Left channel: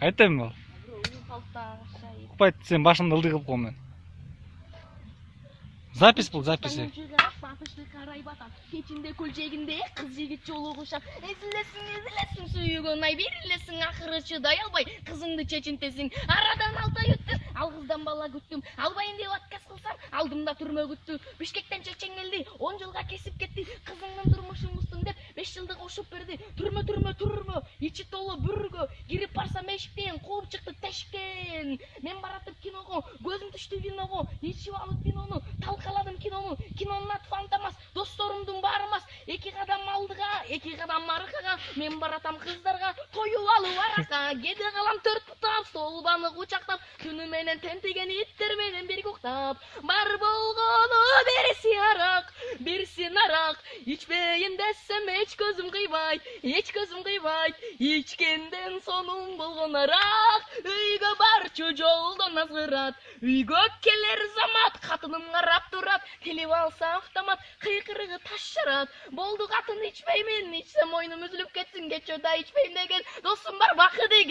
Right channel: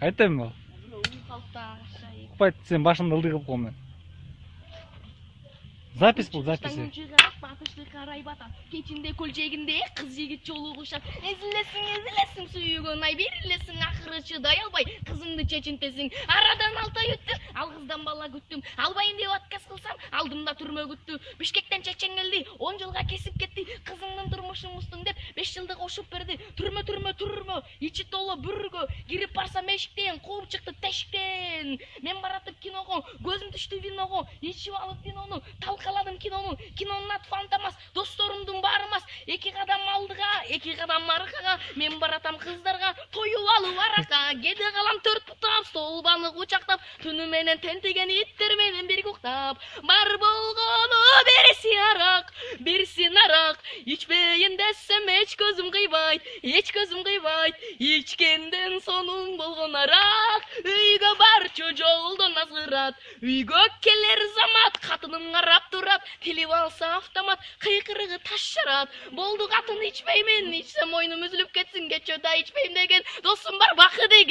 Айтайын ба? Купайт сен башымды ылдый кылып коем мен. Запись бұл, запись. Кечинде көлжегинде кыз жигит жолугушат. Эзилесиң сүйгөн ай берилесиң акыры чыдай албай кызыңды чечинтесиң. Арадан 6 ай өттү, ал кыздан бала күттүм. Албайын деп отказ кылсам, алдымда түрмө күттү. Бишкектен чечен келди, 10 жылга кесип кетти. Кызыңдын турмушун буздум деп 5 жылды кошуп берди. Түрмө, ичи толо бүргө. Кирип барсам эшиктен, кууп чыкты тешиктен. Мен баратып киного, көзүм түштү виного. Ичип алып винону, талкаладым кинону. Кинонун аты Фантомас, досторумдун баарымас. 2 кадам алдыга, 2 кадам аркага. Мен баратам кыздарга, тоюп алып арака. Кеде калам 4 бутап, столбаны кучактап. Түнү менен тентеген иттер менен бирге уктап. Бар болгону берсин арак. Ичпейин десем эч көзүм кыйбайт. Ичкенден сонун болгон арак. Үйгө барчу жолдон азгырат. Үйгө келер замат, катыным карап турат. Келип алса автомат, кыйкырыгы таш жарат. Болду катын ичпеймин, ичсем мойнум үзүлүп кетсин. Кечөө да ичпейм деген досум бар бакы деген.